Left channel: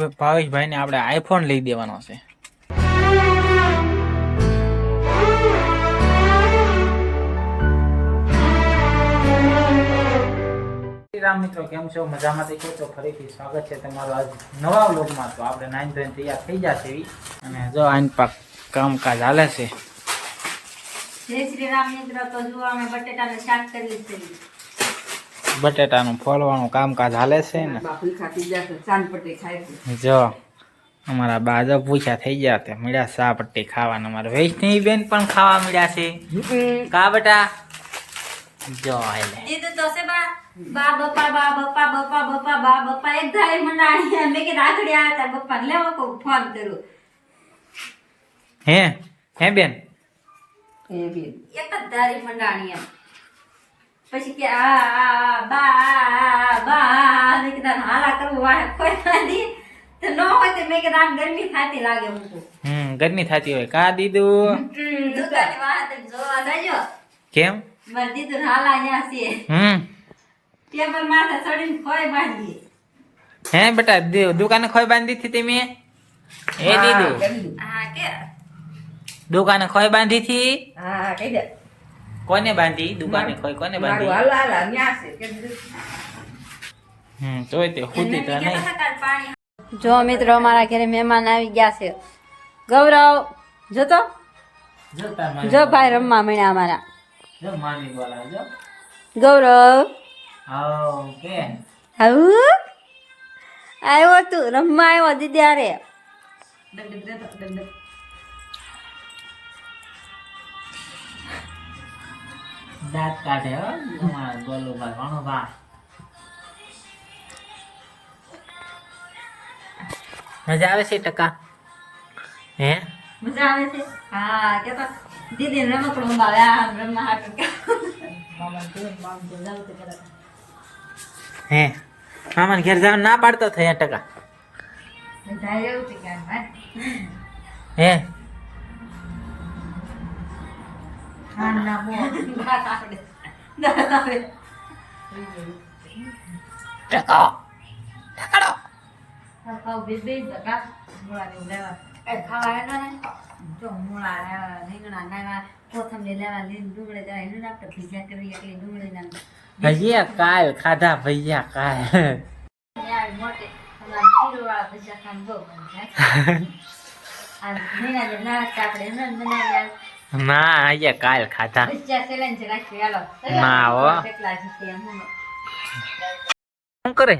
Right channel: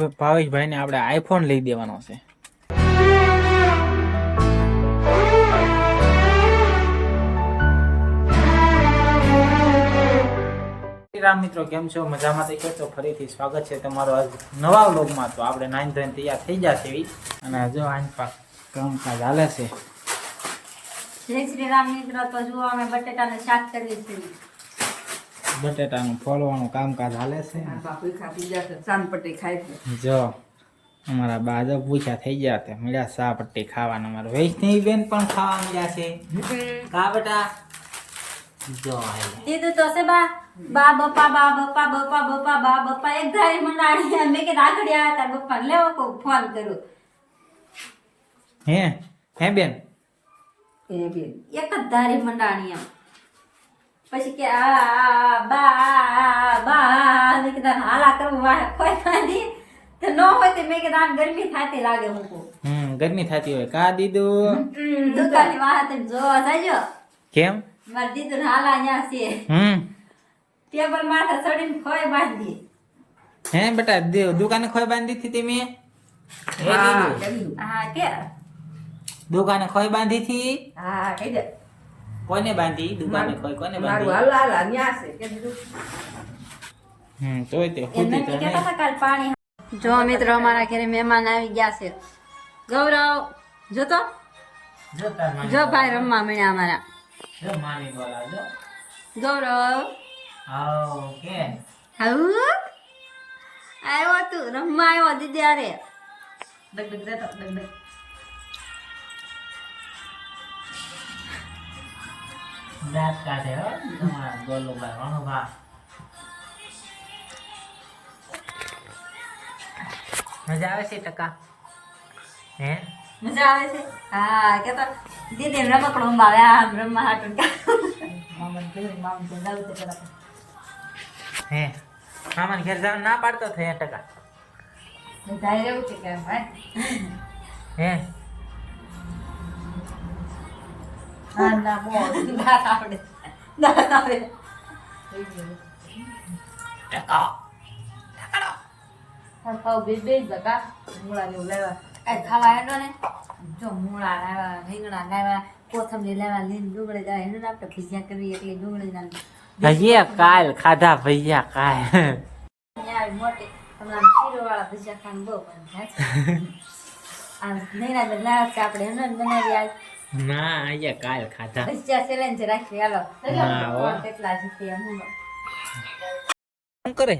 ભાવેશભાઈ ને આપણે આઈફોન લઈ દેવાનો છે. રામ મિત્રો, કેમ છો? મજામાં થઈ તો ફરીથી સ્વાગત છે તમારું આજ નવા વ્લોગમાં. તો આપણે 9 ધોઈને તૈયાર થઈ જશે અને જો આઈન પાક કામકાજ હાલે છે. જય શ્રી રામ મિત્રો. તો જો અમે બટેટાનું શાક કરીએ છીએ. બટેટાનું ફોલવાનું કામકાજ હાલે છે ને. જો અમારા બાજો પૂછ્યા થઈ ગયા તે મળ્યા ચા પટ્ટી ખાવાના. અમારા વૈષ્ણવી બેન પણ ખાવા મળ્યા છે. કા બેટા જો એટલે દીધું તો છે બા બપ્પા એક ધારી મંડાણી મેં કે આગળ આવ્યા તાર બપ્પા લેવો કો ફોન કરું. હે બેન એક જ ધારી મંડાણી એમ. પછી કે આ બા મેં કીધા હાલા કરવું વાહ કોઈ બાંધી તો ન હોય તો મેં કીધા આમ ગરમી થાતી લાગે મૂકું. ગરમી થતી હોય કા દીદું દુકાનની વાહ તમે જોવા જાજો. કેમ મારે દીધું હાલા અહીંયા છે ટેબલ માથે ચડીને ખોય બાંધી. હે બેટા દુકાને ખોય બાંધી હતી તમે? એ દીદું હા કે દુકાને ખોય બાંધી હતી? હા કહી દે. કોને બાંધી દુકાને ખોય? કોને બાંધી? તોય તે ખુદી તો નહીં. જો મિત્રો અમારા ઘરે મહેમાન આવી ગયા છે. ગૌરવ જોતો જો ભાઈ રમવા મળ્યા અમારા. જો માની બોલા જો ગૌરવ કે આવું આવ્યો તું રમવા આવ્યો દીદી અરે દાંત કાઢે બોલો ભાઈ વાણો બા. મજા આવે છે ટકા? હે મજા આવે છે? હા કેતો દીદી રમકડો અંબાવે આ રમવા હાટું હે મામાને ઘેર જવાનું ના પાડતો થયા ટકા? હે ભજીયા કાલ ખાધા ભજીયા કાલ. ના અહીંયા કાલ ખાધા ના હો. શું કરે?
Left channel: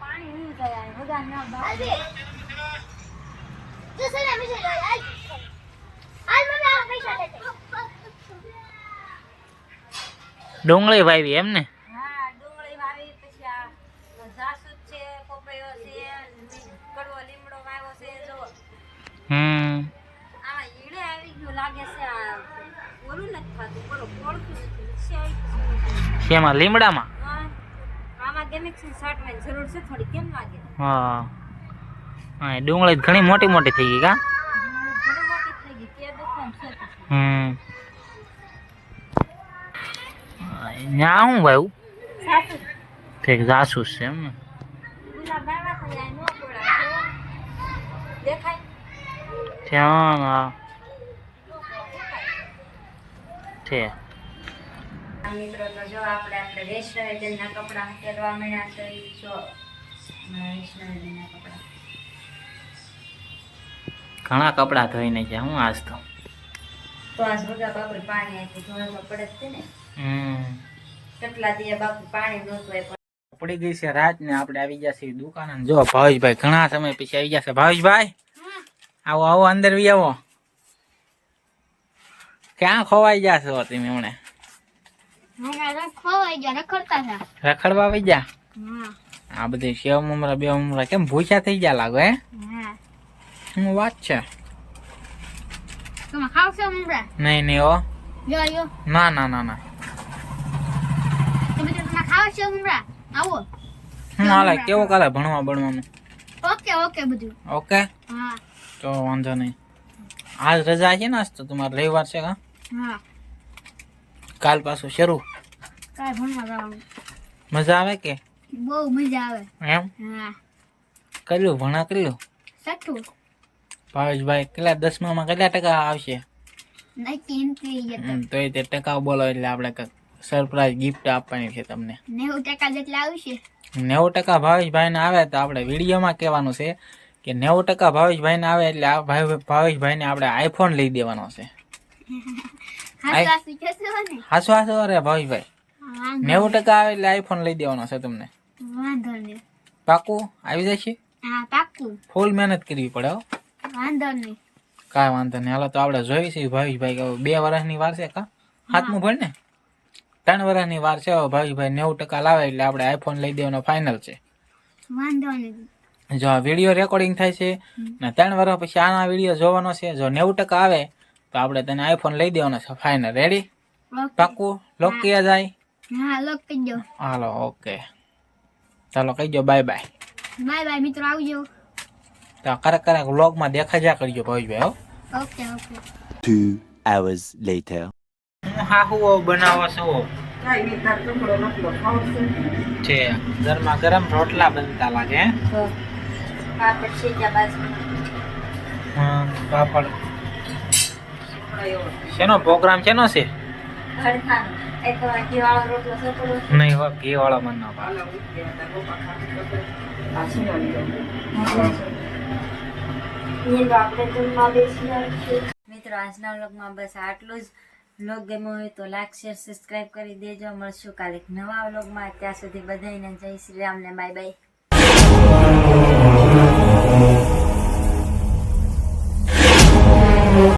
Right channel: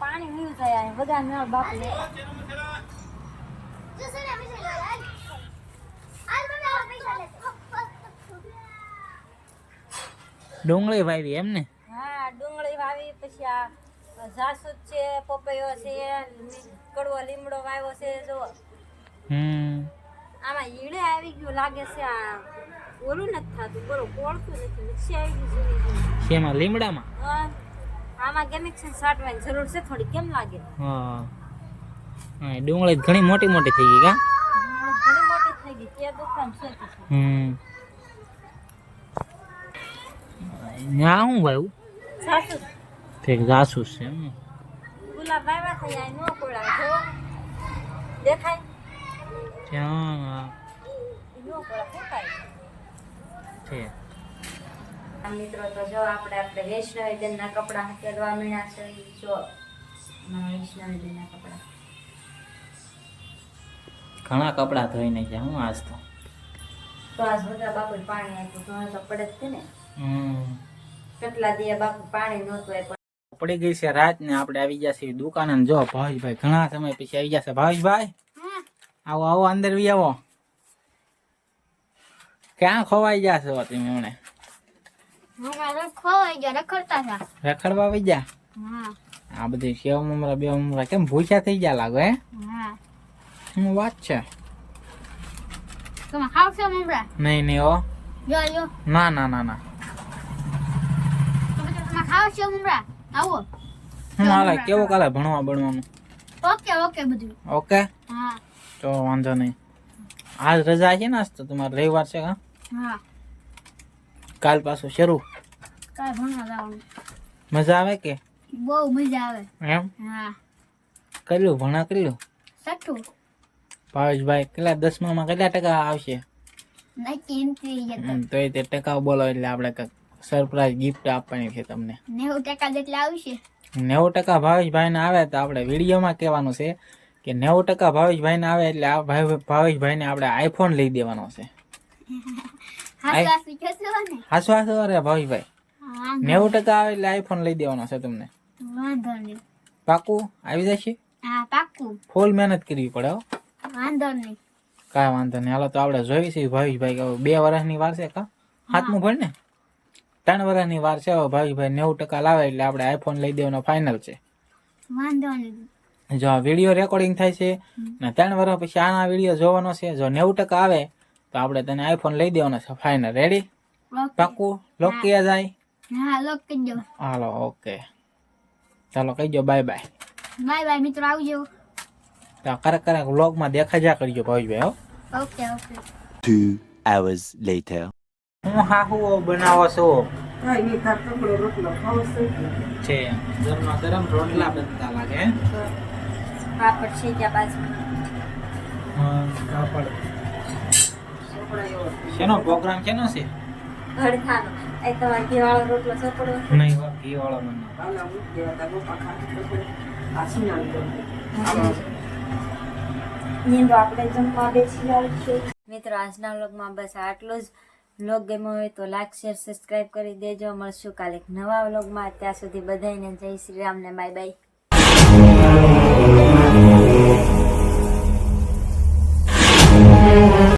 પાણી નહીં થાય બધા ના બાપુ ડુંગળી વાવી એમ ને? હા ડુંગળી વાવી. પછી આ જાસૂદ છે, પપૈયો છે, કડવો લીમડો વાવ્યો છે. જો આમાં ઈડે આવી ગયું લાગે છે. આ ઓલું નથી થતું બોલો કોળતું નથી મિક્સી આવી ગયું. શેમાં? લીમડામાં? આમાં કેમિકલ છાંટવાની જરૂર છે થોડી. કેમ લાગે? હા ડુંગળી ઘણી મોટી મોટી થઈ ગઈ કા? ઘણી મોટી થઈ ગઈ. તે દુકાન છે ન્યા હું ભાઈ જાસૂદ ઠીક જાસૂસ છે એમ ને? ગુલાબ વાવ્યા થઈ જાય નો કોડા જો દેખાય ત્યાં નો કોડા ફૂટાય છે. મિત્રો તો જો આપણે વૈષ્ણવી બેનના કપડા પહેરવા મળ્યા છે. જો વૈષ્ણવી બેનના કપડા ઘણા કપડા ધોઈને છે હું આજ તો. આજ બધા બાપુ પાણી આપ્યું ધોવા તો પડે જ છે ને. કેટલા દિવસ બાપુ પાણી નહોતું એ પડી ગઈ છે રાત ને આપણે આવી ગયા છીએ દુકાને. જો ભાવેશભાઈ ઘણા સમય પછી આવી ગયા છે. ભાવેશભાઈ આવો આવો અંદર બી આવો. ક્યાં ખોવાઈ ગયા છો તમે હમણે? રખડવા આવી ગયા? આ બધી સેવ મમરા બે મમરા કેમ ભૂખ્યા થઈ ગયા લાગો? હે શું વાત છે? નહીં નહીં હો. ના ના ના ના. હું હાલે કેવું કાલે ભણવા ભણવાનું? ઓકે તો વાંધો નહીં. આજ રજા છે ને? આજ તો તમારે રવિવાર છે કા? કાલ પાછું શરૂ. કાલ ભણવા જવાનું. મજા આવે કે? બહુ મજા આવે. એમ હા, કર્યું ભણા કર્યું સઠું ભાવેશભાઈ કેટલા 10માં કેટલા ટકા આવશે? નક્કી નથી જતો. તો એ તે ટકા બોલો એટલે આપણે કંઈક સરપ્રાઈઝ ગિફ્ટ આપવાની છે તમને. 90% જેટલા આવશે. 90% ભાવેશભાઈને આવે તો આપણે વિડીયોમાં કહેવાનું છે કે 90% ભાવેશભાઈને આવે એટલે આ ભાવેશભાઈને આપણે આઈફોન લઈ દેવાનો છે. હાસુ જશો ને? હાસો હાસો અરે ભાવેશભાઈ, હા, 90% આવે એટલે આઈફોન લઈ દેવાનો છે તમને. વાંધો નહીં. પાકું આવી જશે? હા, પાક્કું. ફૂલ મહેનત કરવી પડે હો. વાંધો નહીં. કાંઈ વાંધો નહીં. હાલો તો આપણે જોઈ છીએ ભાવેશભાઈ કે 2 વર્ષની વાર છે કા? 7મું ભણ ને? 3 વર્ષની વાર છે. હવે ભાવેશભાઈ 90% લાવે એટલે આપણે આઈફોન લઈ દેવાનો ફાઇનલ છે. વાંધો નહીં. જો આ વિડીયો રેકોર્ડિંગ થાય છે ને 3 વર્ષ પછી આના વિડીયો જોવાનો છે. જો 90% આવે તો આપણે તને આઈફોન લઈ દેવાનો છે ફાઇનલ. રેડી? ઓકે. પાકું? લોક કિયા જાય? હા, લોક કરજો. હાલો ઓકે, ચાલો કહીજો બાય બાય. બાય બાય મિત્રો, આવજો. તો ક્યારેક વ્લોગમાં દેખાજા કરજો ભાવેશભાઈ હો. Okay okay. 2 hours later. હું હાહુઓ બનાવો છો છે ગરમા ગરમ રોટલા બનતા લાગે હે? પાપડ શેક્યા બાજુ પાપડ. શેનો પ્રોગ્રામ શેનો છે? હળખાનો એ તો ઘીવાળો રોટલો સોપડો નહીં હો, ઘી વાળો મન ના ભાવે. આપણે જમવા બેસી આવી મિત્રો, આજના વ્લોગમાં બસ આટલું જ. વ્લોગ ગમ્યો હોય તો લાઈક શેર સબસ્ક્રાઈબ કરી દેજો. મળશું કાલે એક નવા વ્લોગમાં. ત્યાં સુધી બધાને જય શ્રી રામ ને બાય બાય.